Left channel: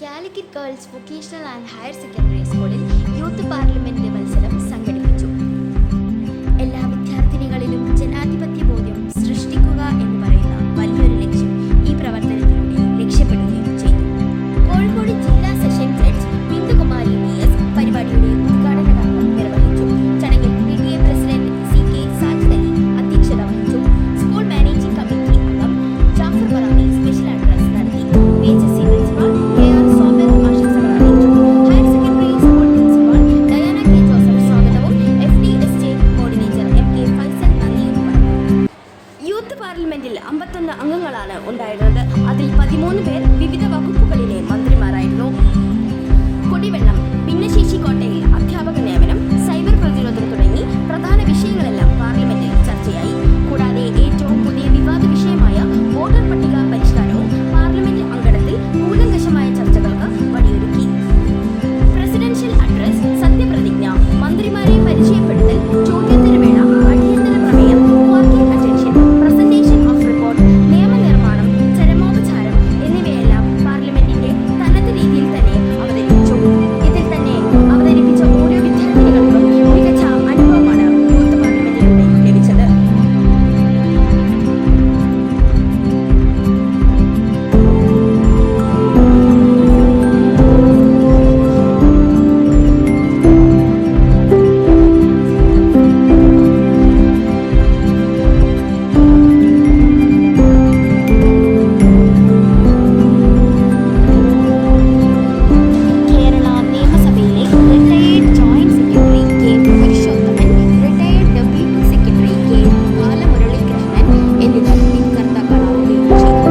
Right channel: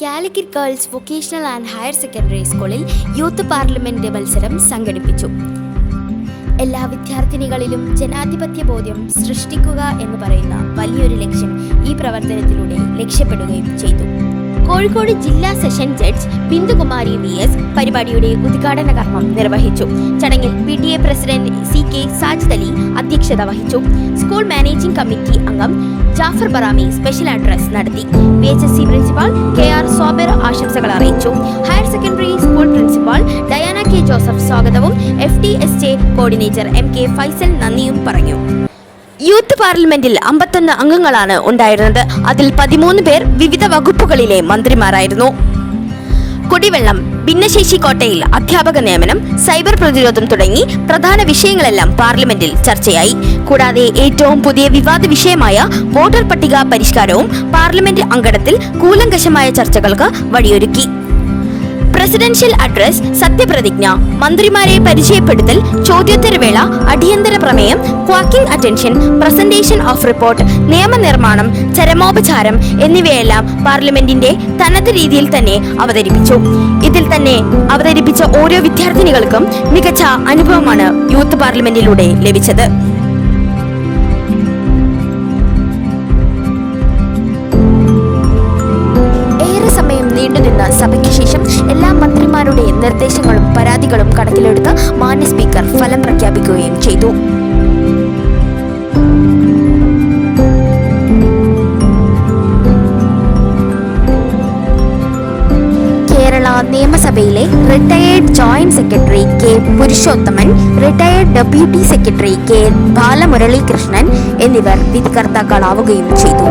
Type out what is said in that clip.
Calicut girls vocational and higher secondary സ്കൂളിൽ youth parliament മത്സരം സംഘടിപ്പിച്ചു. എല്ലാ വിദ്യാർത്ഥിനികളിലും ജനാധിപത്യ ബോധ്യം സൃഷ്ടിക്കുക എന്ന് പറയുന്ന വലിയൊരു ലക്ഷ്യം ഈ പ്രവർത്തനത്തിലൂടെ ലക്ഷ്യപ്പെടുകയും ചെയ്തു. കോഴിക്കോട് ജില്ലാ സെഷൻ ജഡ്ജ് ബിന്ദുകുമാരി VS പരിപാടിയുടെ ഉദ്ഘാടന കർമ്മം നിർവഹിച്ചു. ചടങ്ങിൽ PTA president CK Sajid Ali അധ്യക്ഷത വഹിച്ചു. സ്കൂൾ മാനേജിംഗ് കമ്മിറ്റി അംഗം ജാഫർ ബറാമി സ്പെഷ്യൽ അഡ്രസ് നടത്തി. VHSC പ്രിൻസിപ്പാൾ KR സോബർ ആശംസകൾ അറിയിച്ചു. Higher secondary school principal Diana K Joseph സ്വാഗതവും FDSJ കോർഡിനേറ്റർ MK ഫൈസൽ നന്ദിയും പറഞ്ഞു. യൂത്ത് പാർലമെന്റിൽ 51 അംഗങ്ങളാണ് ഉണ്ടായിരുന്നത്. അതിൽ 13 പേർ വിവിധ വകുപ്പുകളിലെ മന്ത്രിമാരായിരുന്നു. കുടിവെള്ളം, ഭിന്നശേഷി കോട്ടയിൽ അധ്യാപക നിയമനം, സൈബർ പ്രതിരോധം തുടങ്ങി പ്രധാന വിഷയങ്ങളെല്ലാം പാർലമെന്റിൽ ചർച്ചയായി. കൂടാതെ ഏറ്റവും പുതിയ വിവാദ വിഷയമായ വോട്ടർ പട്ടിക പരിഷ്കാരവും പാർലമെന്റ് അങ്കണത്തിൽ കൂലങ്കഷമായ ചർച്ചകൾക്ക് വഴിയൊരുക്കി. പ്രസിഡൻഷ്യൽ അഡ്രസ്, സത്യപ്രതിജ്ഞ, മന്ത്രിമാരെ പരിചയപ്പെടുത്തൽ, ചോദ്യോത്തരവേള, അടിയന്തര പ്രമേയം, quacking attention, presentation of report, നിയമനിർമ്മാണം, ചരമോപചാരം എന്നിവയെല്ലാം പാർലമെന്റിന്റെ തനത് രീതിയിൽ തന്നെ അവതരിപ്പിച്ചു. ഇതിൽ തന്നെ അവതരിപ്പിച്ച ഓരോ വിദ്യാർത്ഥിനികൾക്കും മികച്ച അനുഭവമാണ് യൂത്ത് പാർലമെന്റിലൂടെ ലഭിച്ചത്. സഭയ്ക്ക് ശേഷം എല്ലാ മന്ത്രിമാരുടെ നിർദ്ദേശങ്ങളും പരാതികളും കണക്കിലെടുത്ത് മാന്യ സ്പീക്കർ ഫലം പ്രഖ്യാപിക്കുകയും ചെയ്തു. കേരള നിയമസഭയിലെ retired joint secretary K Purushothaman, retired deputy secretary K Balamuralikrishnan എന്നിവർ വിധികർത്താക്കളാവുകയും ചെയ്തു.